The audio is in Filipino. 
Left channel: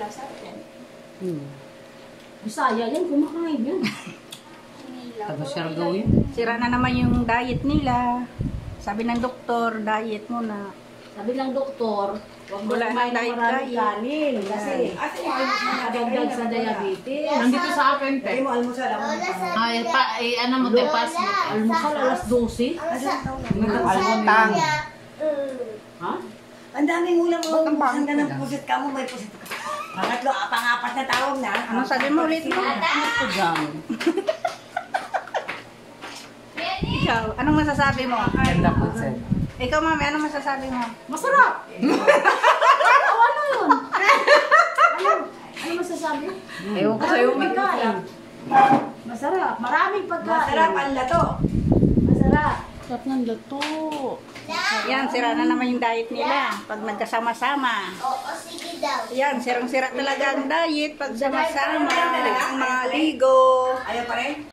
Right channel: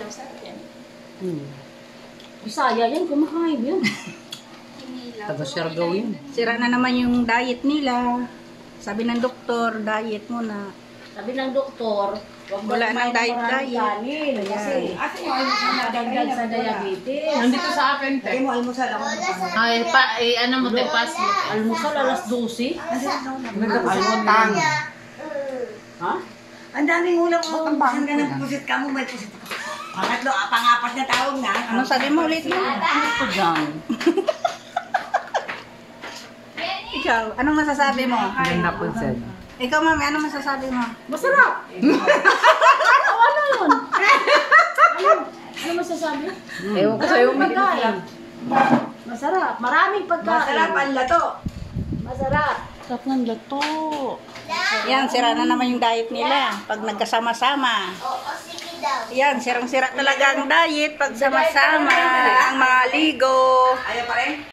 kinilaw sa atin. Bisaya yan, kumakain yan. Taga-Siargao yun. Sira na naman yung diet nila. Sabi ng doktor, diet muna. Sabi ng doktor, huwag mo Wala kumain nang ng diet. maraming kanin. Kasi, madagdag sa diabetes. Nandito sa akin, te. Lagay mo almusal ako. Ay, ano mo, te, pass mo. Almusal alas 12. Almutang. Ha? Ang daming ulam mo. Saan ka ng pusit ka mo? May pusit ka. Pangatlo, pang-apat na tawag na. Ano sabi mo ulit mo? Ano po dyan? Ikaw, anong masasabi mo? Ganda po, sir. Ikaw, mami, anong masasabi mo? Masarap! Ano yun? Ano masasabi? Ewan ko sa'yo, Maraming pagkain. Masarap. Maraming pagkain. Masarap ang lato. Masarap. Sarap ng lato. Yan, sira na naman yung diet nila. Pag nagkasama-sama. Yan, sirang-sira talaga ang diet pag sama-sama. Ang mga ligo. Ayaw pa rin?